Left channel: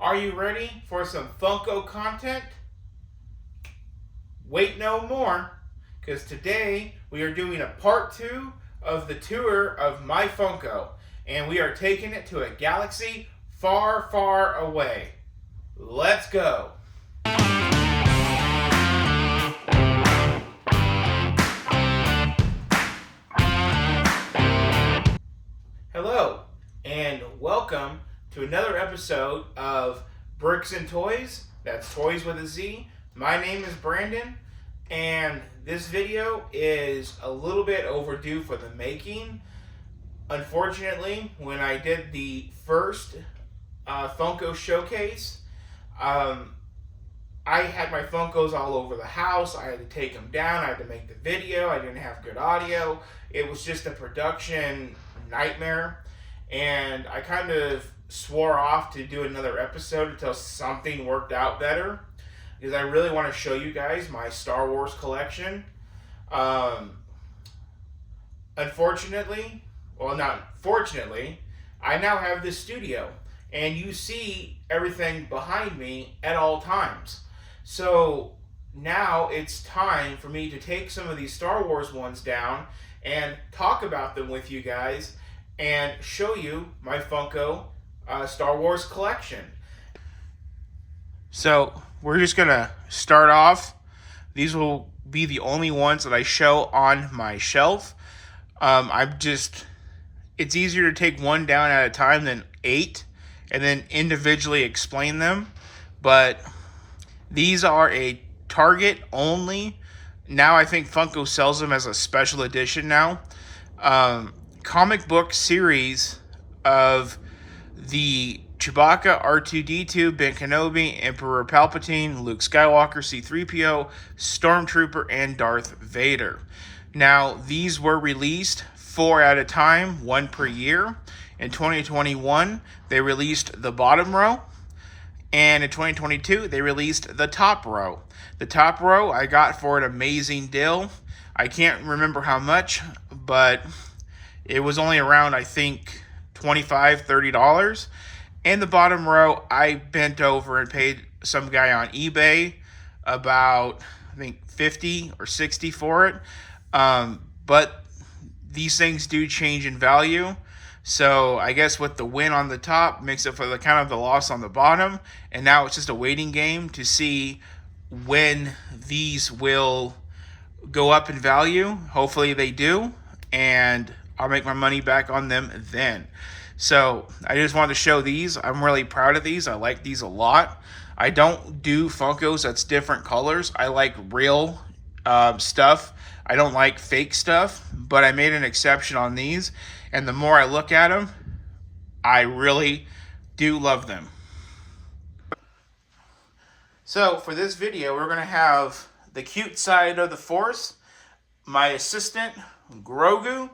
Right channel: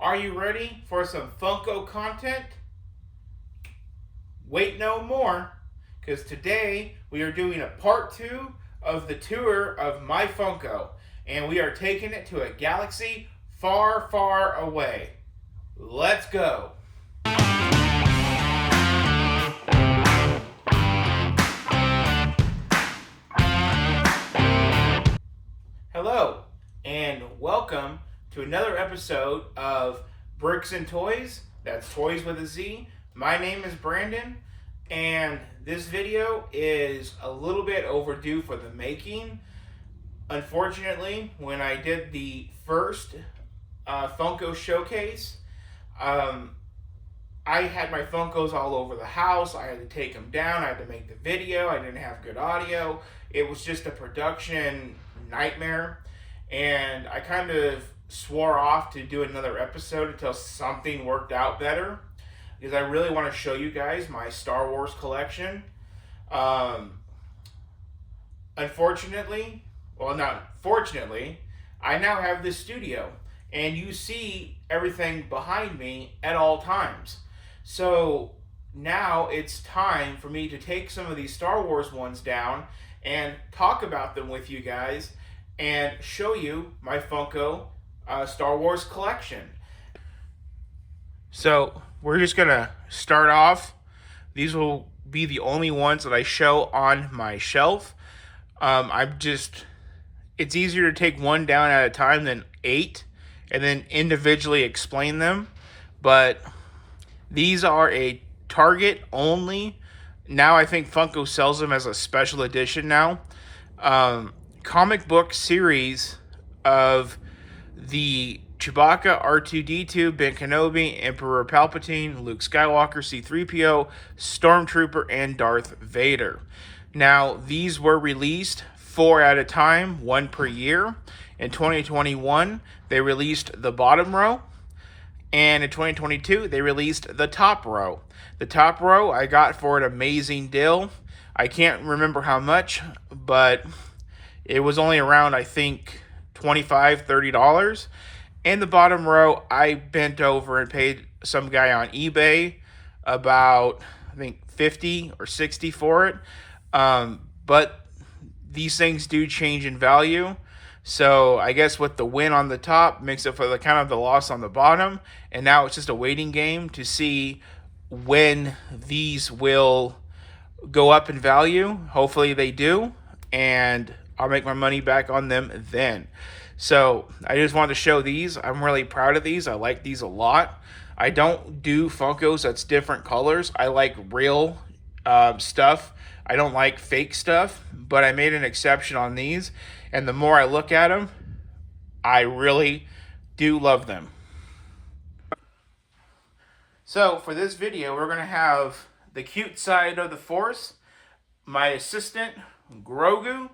Are you ready for some Funko content? Wait no more, because today we are doing a part 2 of the tour of my Funko, and we are taking it to a galaxy far, far away. Let's go! Hello, and welcome to another episode of Bricks and Toys. That's Toys with a Z. My name is Brandon, and this video is a little bit overdue for the making. Unfortunately, when I did the first Funko showcase, I had my Funkos all over the house. I had to take them down. I had to make the video. I didn't have good audio. It was just a production nightmare. And I kind of swore off to do another episode until something worked out better, because I really want to show you guys my Star Wars collection. Unfortunately, well, not fortunately, I now have this studio, and you see everything behind me at all times. So now it's time for me to take some of these Star Wars ones down and talk about them with you guys and show you my Funko Star Wars collection. So we're just gonna start off. These will be the only ones that I show on my shelf. It's easier to take one down at a time than 8 and then individually explain them. But these are a Target only. Now I think Funko sells them as a special edition now. Comic book series of the Chewbacca, R2-D2, Ben Kenobi, Emperor Palpatine, Luke Skywalker, C-3PO, Stormtrooper, and Darth Vader. Now, these were released 4 at a time, 1 per year. In 2021, they released the bottom row. And in 2022, they released the top row. The top row I got for an amazing deal. I can't remember how much, but it was only around, I think, $25, $30. And the bottom row, I bent over and paid some guy on eBay about, I think, $50 or $60 for it. But these things do change in value. So I guess with the win on the top makes up for the kind of the loss on the bottom. And now it's just a waiting game to see when these will go up in value. Hopefully they do. And I'll make my money back on them then. So I just wanted to show these. I'm really proud of these. I like these a lot. I don't do Funkos that's different colors. I like real stuff. I don't like fake stuff, but I made an exception on these. And the more I look at them, I really do love them. So for this video, we're going to have the cute side of the Force, my assistant, Grogu.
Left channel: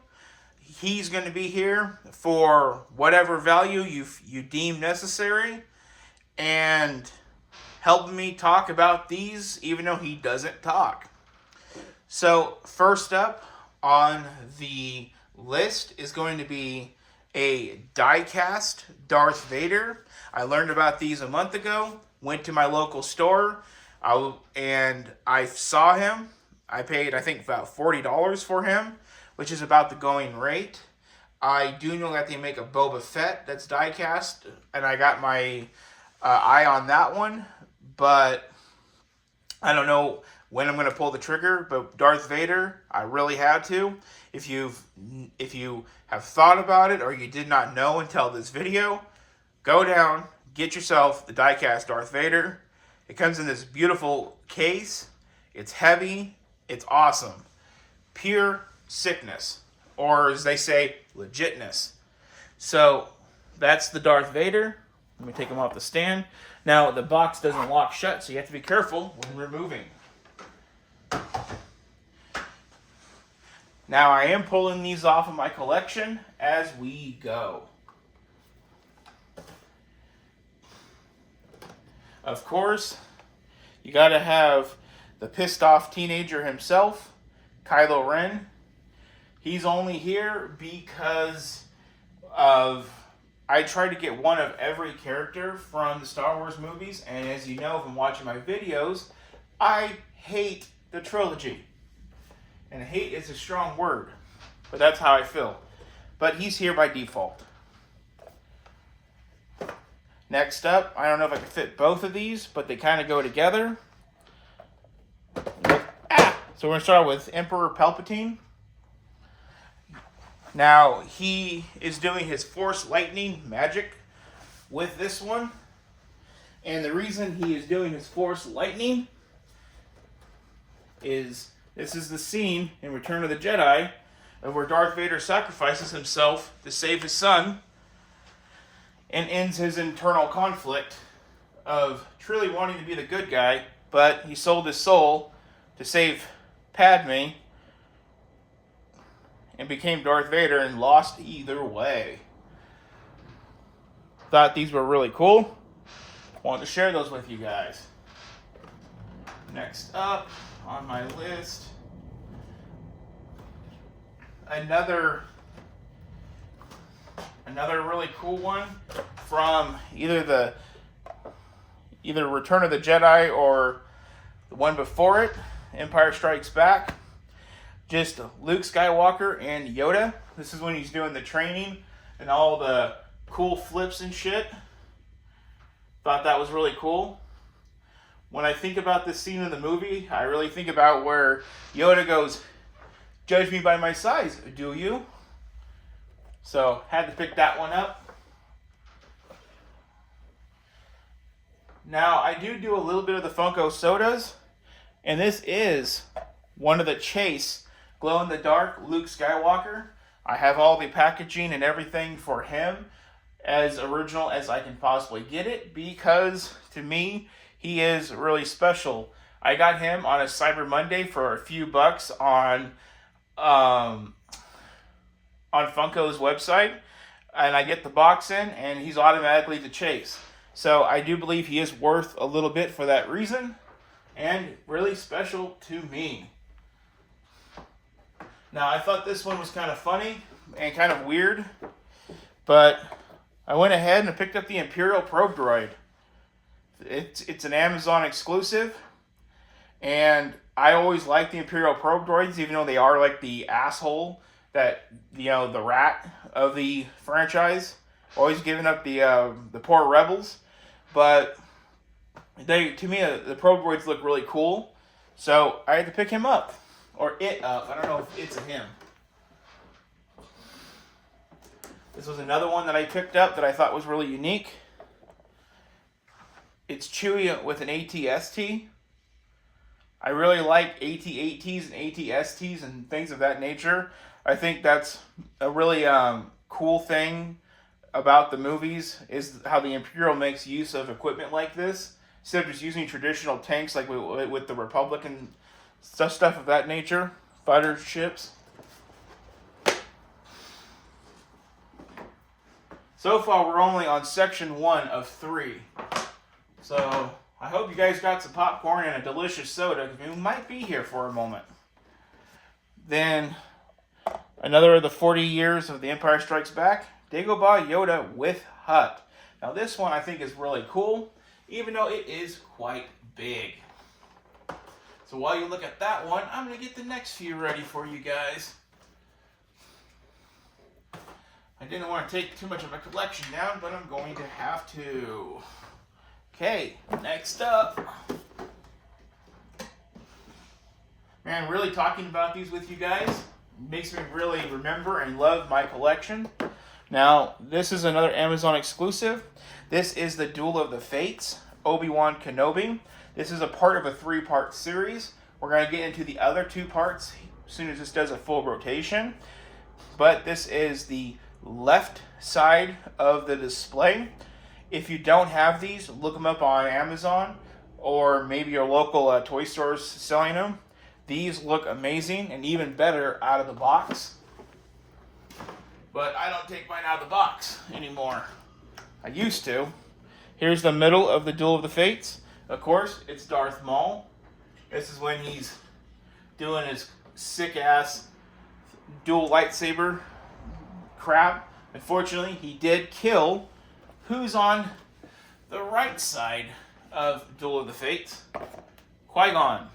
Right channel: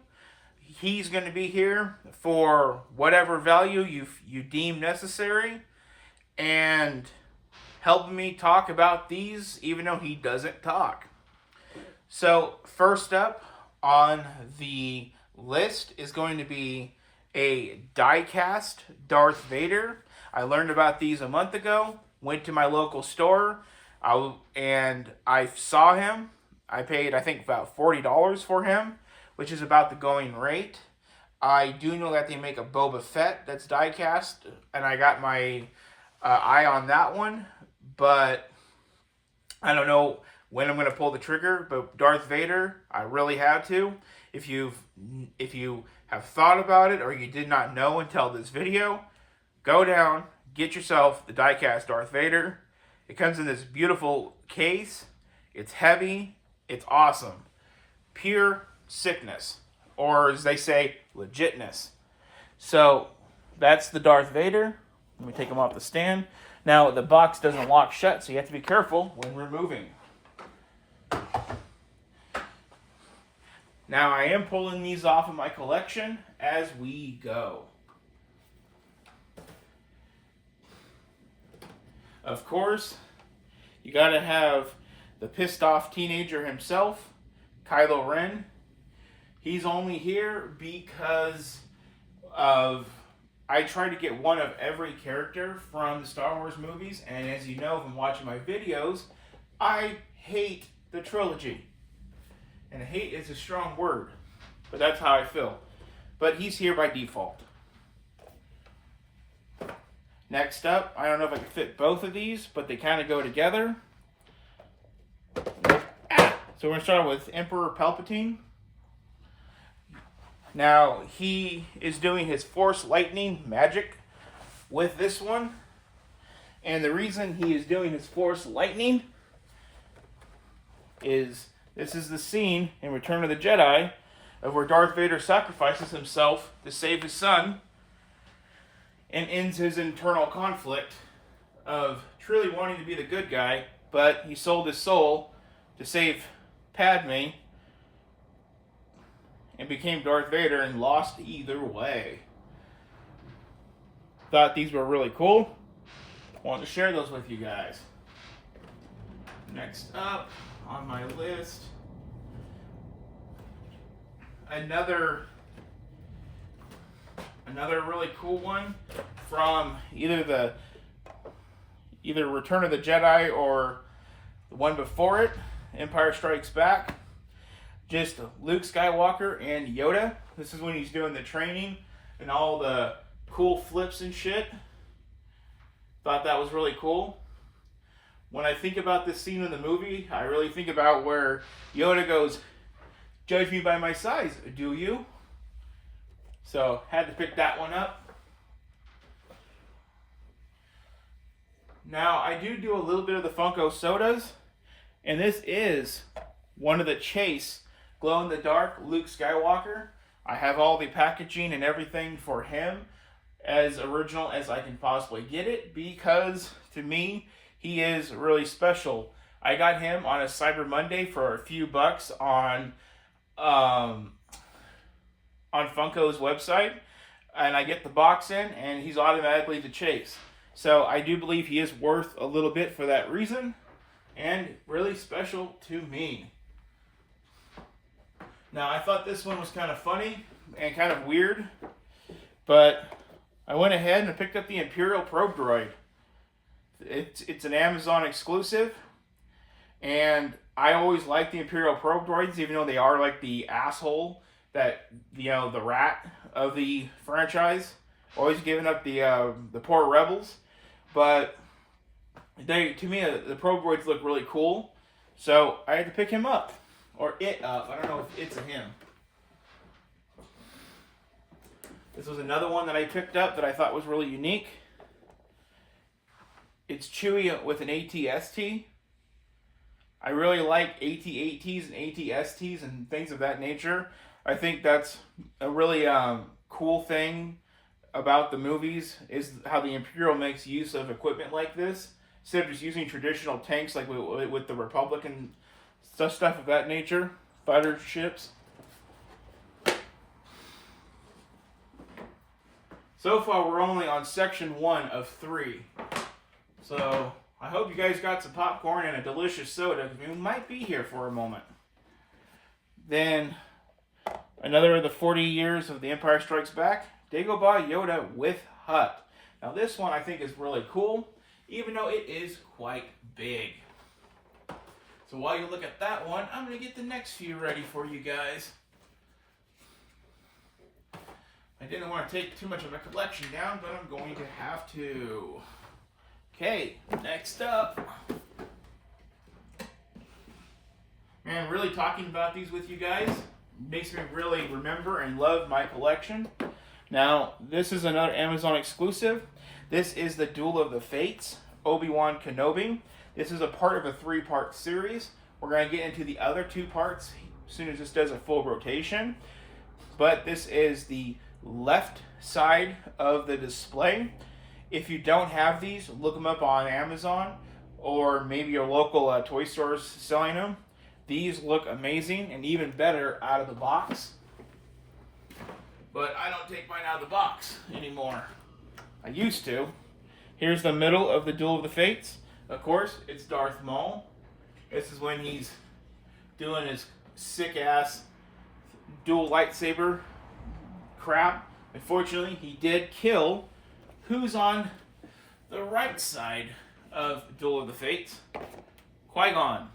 He's going to be here for whatever value you deem necessary and helping me talk about these, even though he doesn't talk. So first up on the list is going to be a die-cast Darth Vader. I learned about these a month ago, went to my local store, and I saw him. I paid, I think, about $40 for him, which is about the going rate. I do know that they make a Boba Fett that's die-cast, and I got my eye on that one, but I don't know when I'm going to pull the trigger. But Darth Vader, I really had to. If you have thought about it or you did not know until this video, go down, get yourself the die-cast Darth Vader. It comes in this beautiful case. It's heavy. It's awesome. Pure sickness, or as they say, legitness. So that's the Darth Vader. Let me take him off the stand. Now the box doesn't lock shut, so you have to be careful when removing. Now I am pulling these off of my collection as we go. Of course, you gotta have the pissed off teenager himself, Kylo Ren. He's only here because of I try to get one of every character from the Star Wars movies, and as you know from watching my videos, I hate the trilogy. And hate is a strong word, but that's how I feel. But he's here by default. Next up, I don't know if I can fit both of these, but they kind of go together. So we're going to start with Emperor Palpatine. Now, he is doing his Force Lightning magic with this one. And the reason he is doing his Force Lightning is this is the scene in Return of the Jedi of where Darth Vader sacrifices himself to save his son and ends his internal conflict of truly wanting to be the good guy, but he sold his soul to save Padme and became Darth Vader and lost either way. Thought these were really cool. Wanted to share those with you guys. Next up on my list, another really cool one from either Return of the Jedi or the one before it, Empire Strikes Back. Just Luke Skywalker and Yoda. This is when he's doing the training and all the cool flips and shit. Thought that was really cool. When I think about this scene in the movie, I really think about where Yoda goes, "Judge me by my size, do you?" So, had to pick that one up. Now, I do a little bit of the Funko sodas, and this is one of the Chase glow-in-the-dark Luke Skywalker. I have all the packaging and everything for him as original as I can possibly get it, because to me, he is really special. I got him on a Cyber Monday for a few bucks on Funko's website, and I get the box in, and he's automatically the Chase. So I do believe he is worth a little bit for that reason, and really special to me. Now, I thought this one was kind of funny and kind of weird, but I went ahead and picked up the Imperial probe droid. It's an Amazon exclusive, and I always like the Imperial probe droids, even though they are like the asshole that, the rat of the franchise, always giving up the poor rebels. But to me, the probe droids look really cool, so I had to pick him up. Or it up. I don't know if it's a him. This was another one that I picked up that I thought was really unique. It's Chewie with an AT-ST. I really like AT-ATs and AT-STs and things of that nature. I think that's a really cool thing about the movies, is how the Imperial makes use of equipment like this, instead of just using traditional tanks like with the Republic and stuff of that nature, fighter ships. So far, we're only on section 1 of 3. So I hope you guys got some popcorn and a delicious soda, because we might be here for a moment. Then another of the 40 years of The Empire Strikes Back, Degobah Yoda with Hut. Now this one I think is really cool, even though it is quite big. So while you look at that one, I'm going to get the next few ready for you guys. I didn't want to take too much of a collection down, but I'm going to have to. Okay, next up. Man, really talking about these with you guys makes me really remember and love my collection. Now, this is another Amazon exclusive. This is the Duel of the Fates, Obi-Wan Kenobi. This is a part of a 3-part series. We're going to get into the other 2 parts as soon as this does a full rotation. But this is the left side of the display. If you don't have these, look them up on Amazon or maybe your local toy stores selling them. These look amazing and even better out of the box. But I don't take mine out of the box anymore. I used to. Here's the middle of the Duel of the Fates. Of course, it's Darth Maul. This is when he's doing his sick-ass dual lightsaber crap Unfortunately, he did kill who's on the right side of Duel of the Fates? Qui-Gon.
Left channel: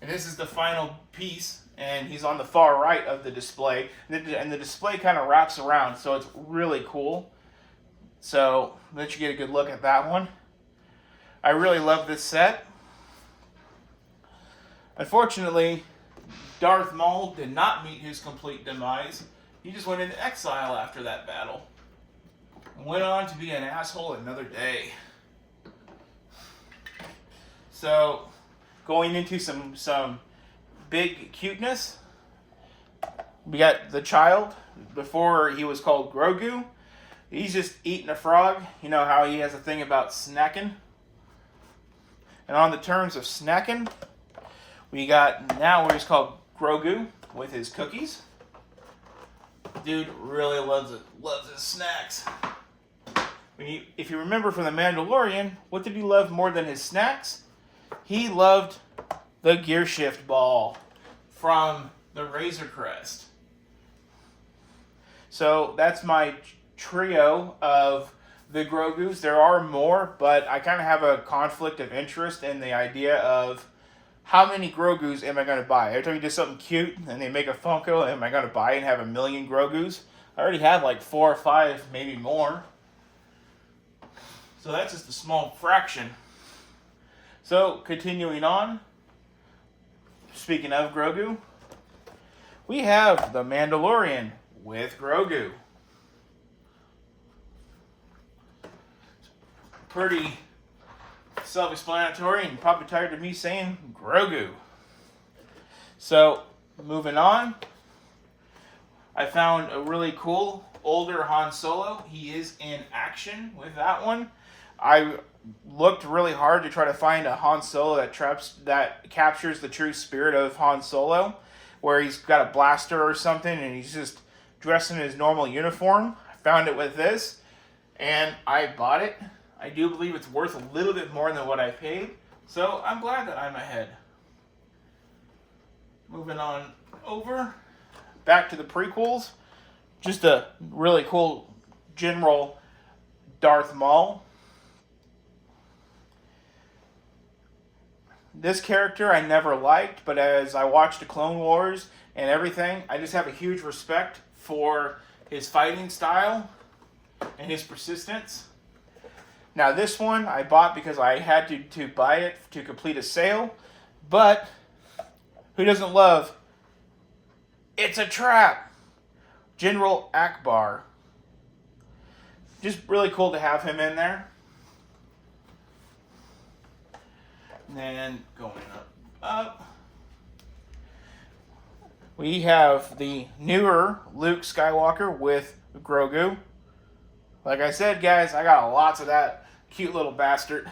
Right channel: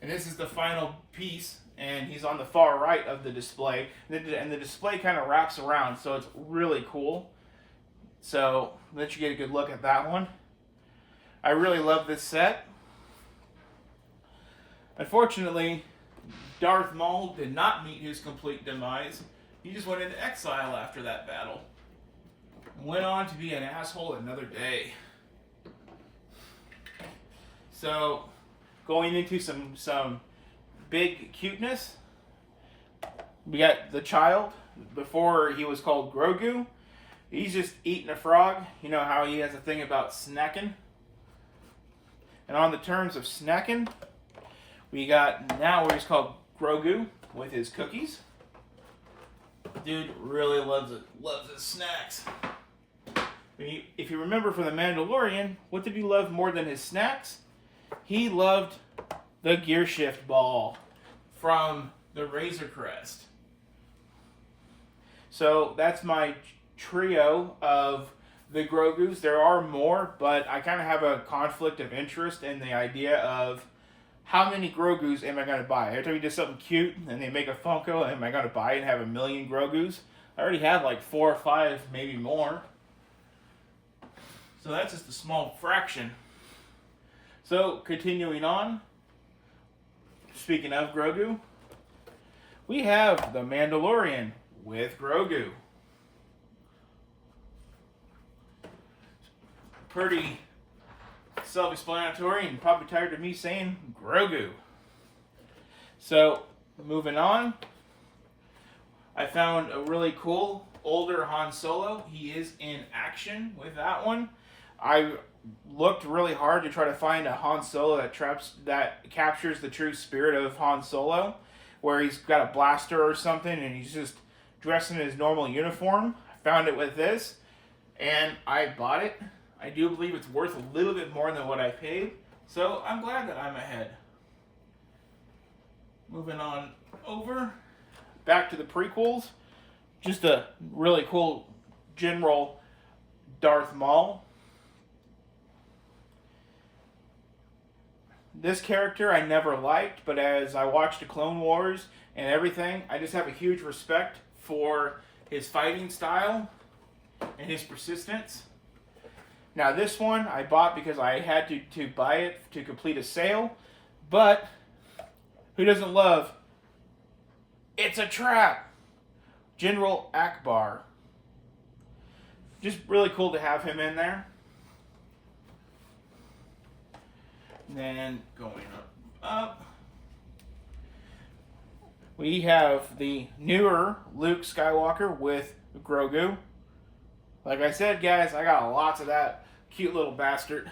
And this is the final piece, and he's on the far right of the display. And the display kind of wraps around, so it's really cool. So, let you get a good look at that one. I really love this set. Unfortunately, Darth Maul did not meet his complete demise. He just went into exile after that battle. And went on to be an asshole another day. So, going into some big cuteness, we got the child. Before he was called Grogu. He's just eating a frog. You know how he has a thing about snacking? And on the terms of snacking, we got now what he's called Grogu with his cookies. Dude really loves his snacks. If you remember from The Mandalorian, what did he love more than his snacks? He loved the gear shift ball from the Razor Crest. So that's my trio of the Grogus. There are more, but I kind of have a conflict of interest in the idea of how many Grogus am I going to buy? Every time you do something cute and they make a Funko, am I going to buy and have 1,000,000 Grogus? I already have like 4 or 5, maybe more. So that's just a small fraction. So, continuing on, speaking of Grogu, we have the Mandalorian with Grogu. Pretty self-explanatory and probably tired of me saying Grogu. So, moving on, I found a really cool older Han Solo. He is in action with that one. I looked really hard to try to find a Han Solo that captures the true spirit of Han Solo, where he's got a blaster or something and he's just dressed in his normal uniform. I found it with this, and I bought it. I do believe it's worth a little bit more than what I paid, so I'm glad that I'm ahead. Moving on over, back to the prequels. Just a really cool General Darth Maul. This character I never liked, but as I watched the Clone Wars and everything, I just have a huge respect for his fighting style and his persistence. Now this one I bought because I had to buy it to complete a sale, but who doesn't love It's a Trap? General Ackbar. Just really cool to have him in there. And then going up, we have the newer Luke Skywalker with Grogu. Like I said, guys, I got lots of that cute little bastard.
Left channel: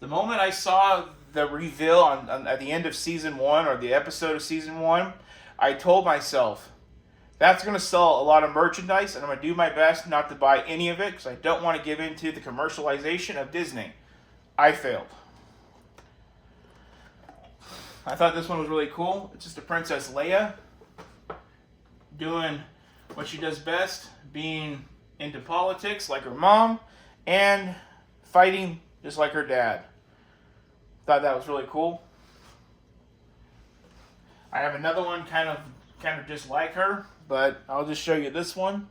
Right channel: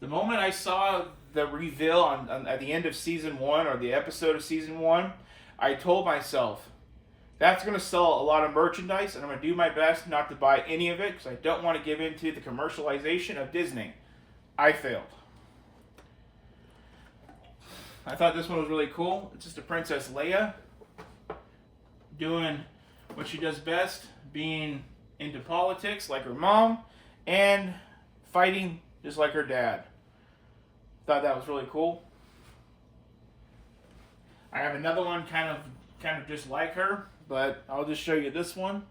The moment I saw the reveal at the end of Season 1, or the episode of Season 1, I told myself, that's going to sell a lot of merchandise, and I'm going to do my best not to buy any of it, because I don't want to give in to the commercialization of Disney. I failed. I thought this one was really cool. It's just a Princess Leia doing what she does best, being into politics like her mom, and fighting just like her dad. Thought that was really cool. I have another one kind of just like her, but I'll just show you this one.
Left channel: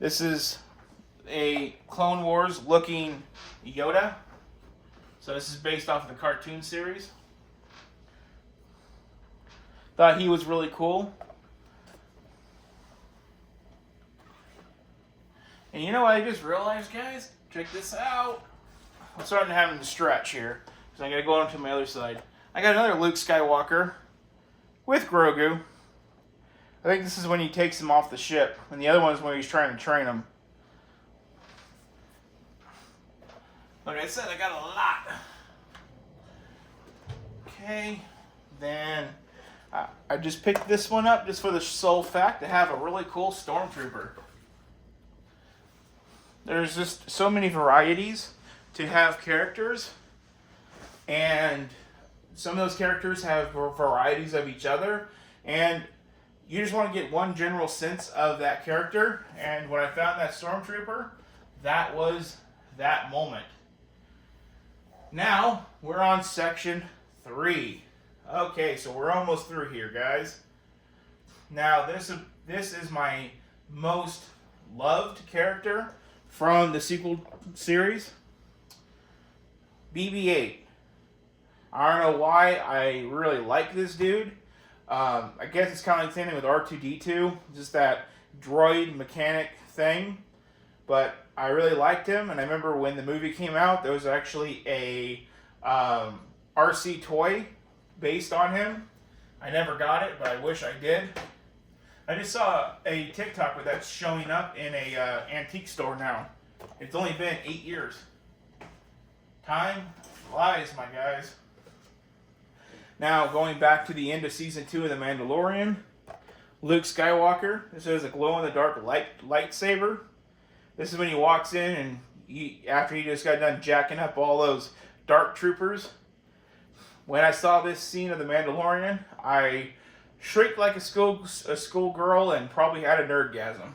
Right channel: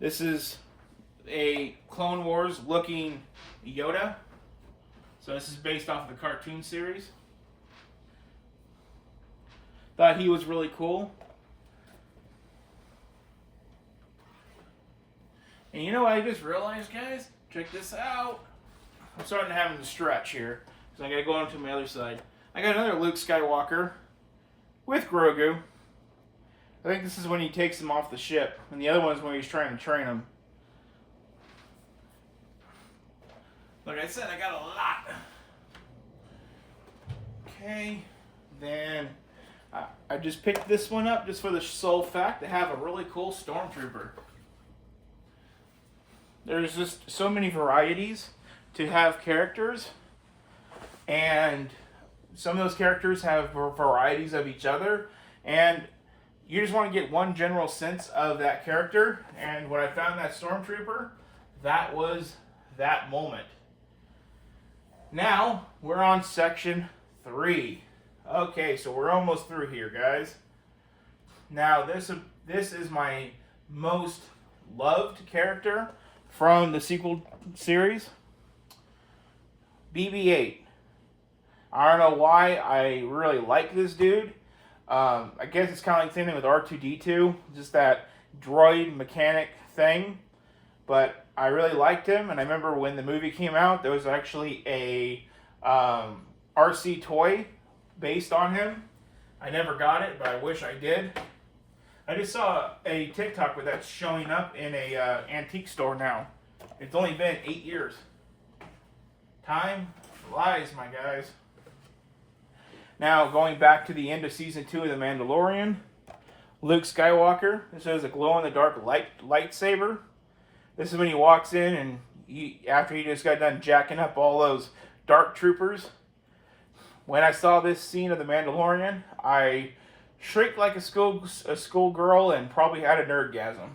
This is a Clone Wars looking Yoda. So this is based off of the cartoon series. Thought he was really cool. And you know what I just realized, guys? Check this out. I'm starting to have to stretch here, so I gotta go on to my other side. I got another Luke Skywalker with Grogu. I think this is when he takes him off the ship, and the other one is when he's trying to train him. Like I said, I got a lot. Okay, then I just picked this one up just for the sole fact to have a really cool Stormtrooper. There's just so many varieties to have characters, and some of those characters have varieties of each other, and you just want to get one general sense of that character. And when I found that Stormtrooper, that was that moment. Now we're on section 3. Okay, so we're almost through here, guys. Now this is my most loved character from the sequel series, BB-8. I don't know why I really like this dude. I guess it's kind of like the same thing with R2-D2, just that droid mechanic thing. But I really liked him, and I remember when the movie came out, there was actually a RC toy based on him. I never got it, but I wish I did. I just saw a TikTok with that showing up in a antique store now. It's only been 8 years. Time flies, my guys. Now, going back to the end of Season 2 of The Mandalorian, Luke Skywalker. This is a glow-in-the-dark lightsaber. This is when he walks in and after he just got done jacking up all those dark troopers. When I saw this scene of The Mandalorian, I shrieked like a schoolgirl and probably had a nerdgasm.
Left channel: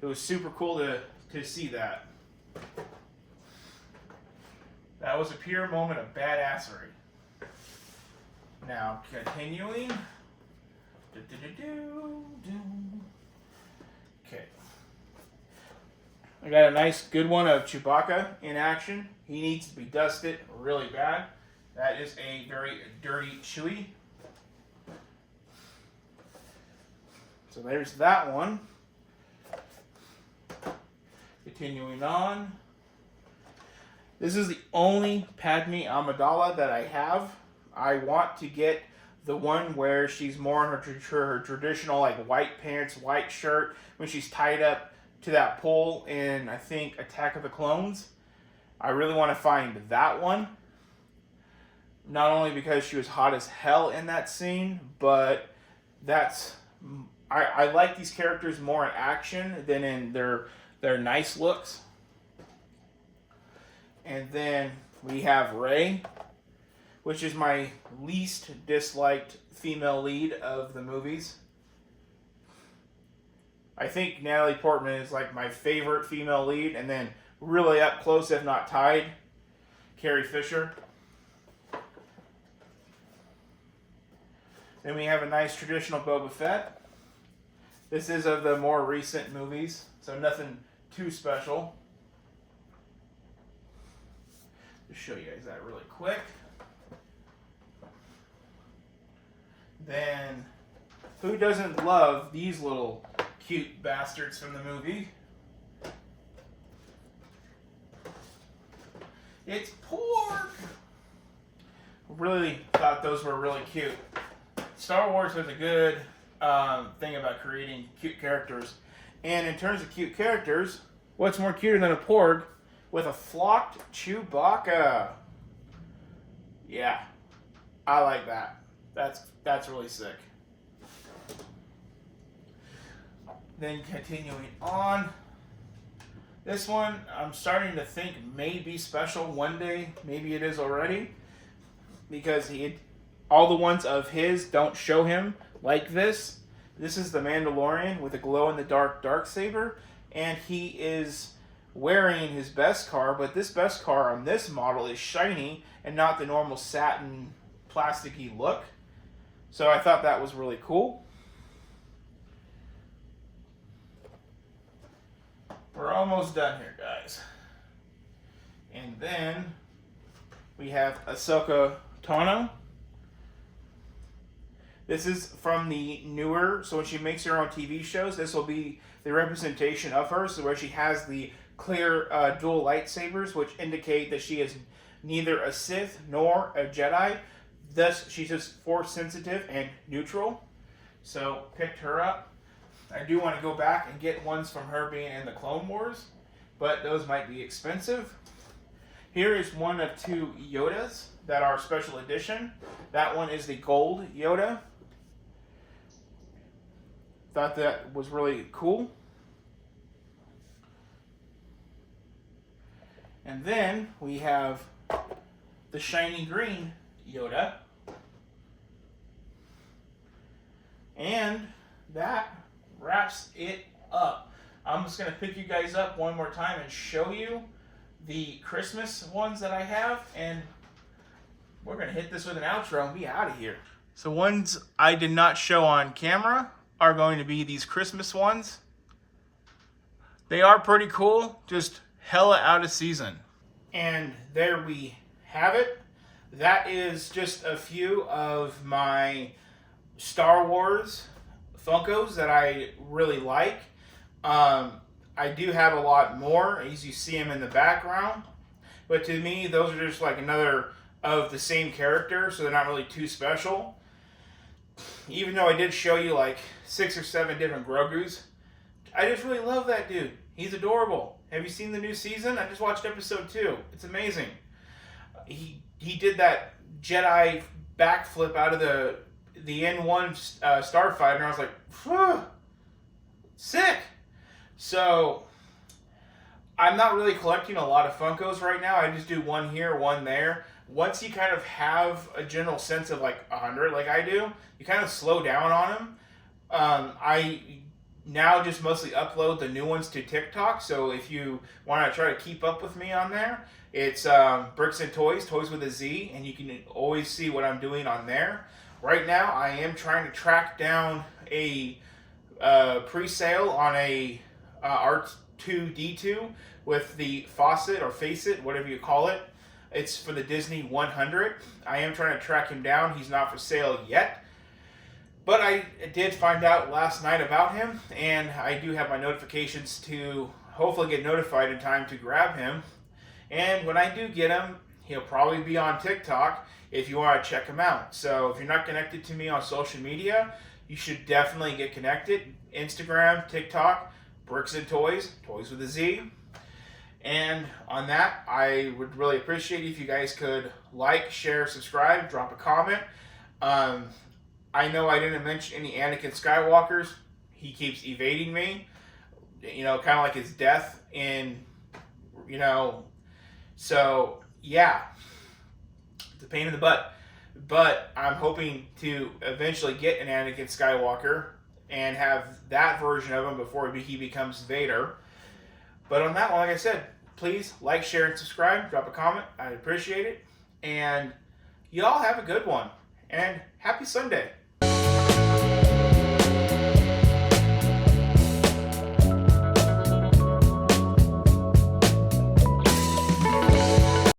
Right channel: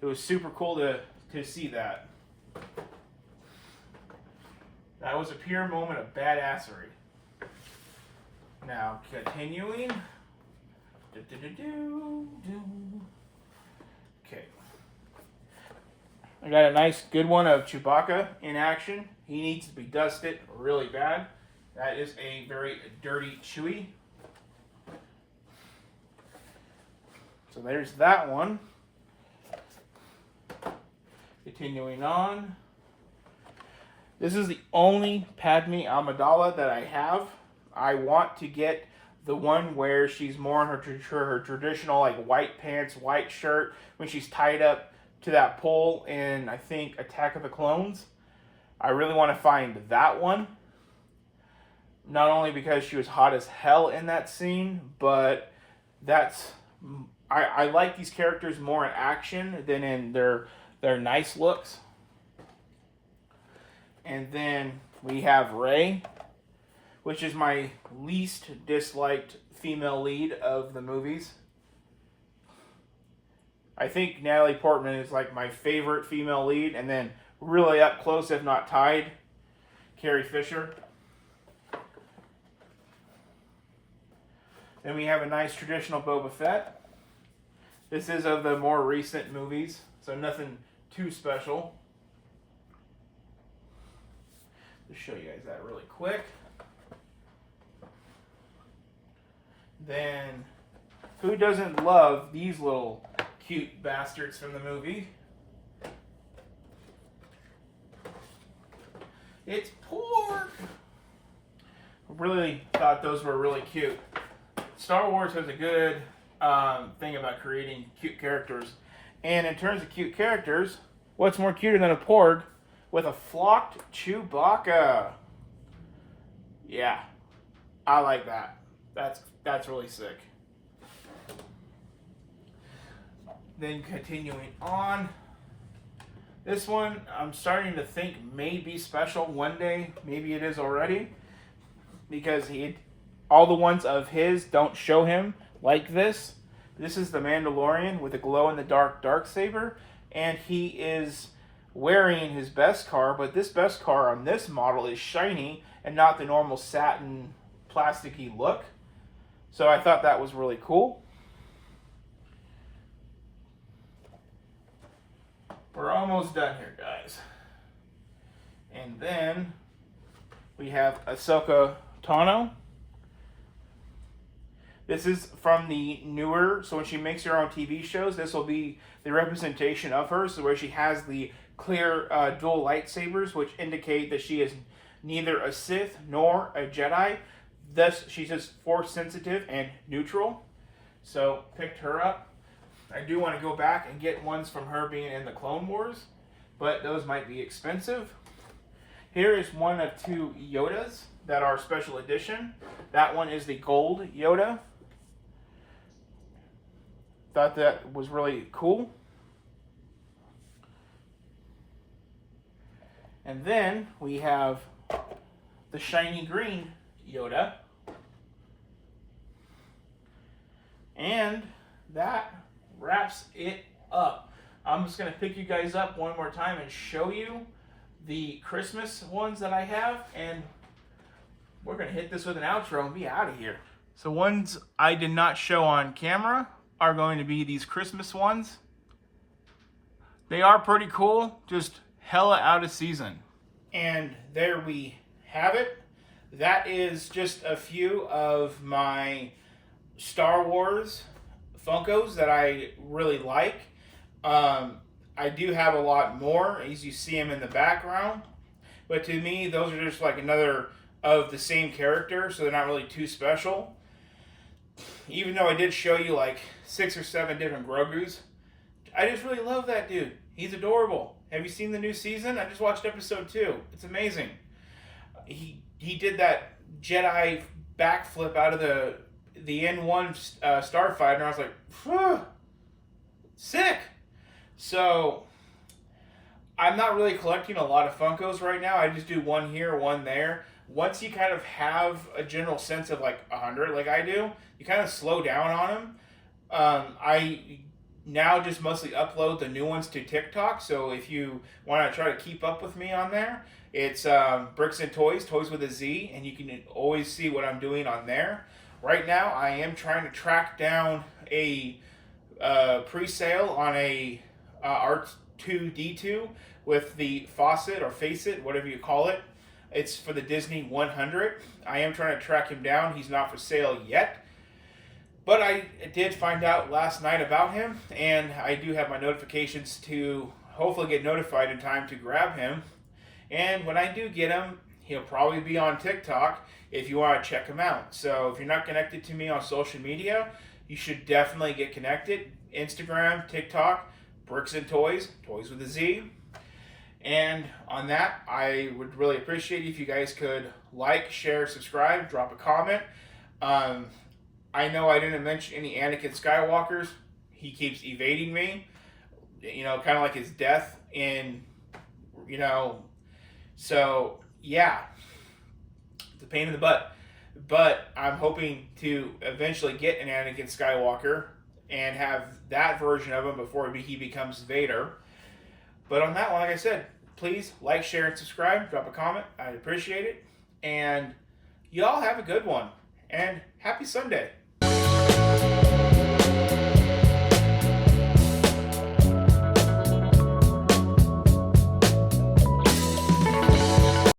It was super cool to see that. That was a pure moment of badassery. Now, continuing. Okay. I got a nice, good one of Chewbacca in action. He needs to be dusted really bad. That is a very dirty Chewie. So there's that one. Continuing on. This is the only Padme Amidala that I have. I want to get the one where she's more in her traditional like white pants, white shirt, when she's tied up to that pole in, I think, Attack of the Clones. I really want to find that one. Not only because she was hot as hell in that scene, but I like these characters more in action than in their nice looks. And then we have Rey, which is my least disliked female lead of the movies. I think Natalie Portman is like my favorite female lead, and then really up close, if not tied, Carrie Fisher. Then we have a nice traditional Boba Fett. This is of the more recent movies, so nothing too special. Just show you guys that really quick. Then, who doesn't love these little cute bastards from the movie? It's Porg! Really thought those were really cute. Star Wars has a good thing about creating cute characters. And in terms of cute characters, what's more cuter than a Porg with a flocked Chewbacca? Yeah, I like that. That's really sick. Then continuing on, this one I'm starting to think may be special one day. Maybe it is already, because all the ones of his don't show him like this. This is the Mandalorian with a glow-in-the-dark darksaber, and he is wearing his Beskar, but this Beskar on this model is shiny and not the normal satin plasticky look. So I thought that was really cool. We're almost done here, guys. And then we have Ahsoka Tano. This is from the newer, so when she makes her own TV shows, this will be the representation of her, so where she has the clear dual lightsabers, which indicate that she is neither a Sith nor a Jedi. Thus, she's just force sensitive and neutral. So, picked her up. I do want to go back and get ones from her being in the Clone Wars, but those might be expensive. Here is one of two Yodas that are special edition. That one is the gold Yoda. Thought that was really cool. And then we have the shiny green Yoda. And that wraps it up. I'm just going to pick you guys up one more time and show you the Christmas ones that I have, and we're going to hit this with an outro and be out of here. So ones I did not show on camera are going to be these Christmas ones. They are pretty cool, just hella out of season. And there we have it. That is just a few of my Star Wars Funkos that I really like. I do have a lot more, as you see them in the background. But to me, those are just like another of the same character, so they're not really too special. Even though I did show you like 6 or 7 different Grogus, I just really love that dude. He's adorable. Have you seen the new season? I just watched episode 2. It's amazing. He did that Jedi backflip out of the N1 starfighter, and I was like, phew, sick. So I'm not really collecting a lot of Funkos right now. I just do one here, one there. Once you kind of have a general sense of like 100, like I do, you kind of slow down on them. I now just mostly upload the new ones to TikTok. So if you want to try to keep up with me on there, it's Bricks and Toys, Toys with a Z, and you can always see what I'm doing on there. Right now, I am trying to track down a pre-sale on a R2-D2 with the faucet or facet, whatever you call it. It's for the Disney 100. I am trying to track him down. He's not for sale yet. But I did find out last night about him, and I do have my notifications to hopefully get notified in time to grab him. And when I do get him, he'll probably be on TikTok if you want to check him out. So if you're not connected to me on social media, you should definitely get connected. Instagram, TikTok, Bricks and Toys, Toys with a Z. And on that, I would really appreciate if you guys could like, share, subscribe, drop a comment. I know I didn't mention any Anakin Skywalkers. He keeps evading me. You know, kind of like his death in, you know. So, yeah. It's a pain in the butt. But I'm hoping to eventually get an Anakin Skywalker and have that version of him before he becomes Vader. But on that one, like I said, please like, share, and subscribe. Drop a comment. I'd appreciate it. And y'all have a good one. And happy Sunday.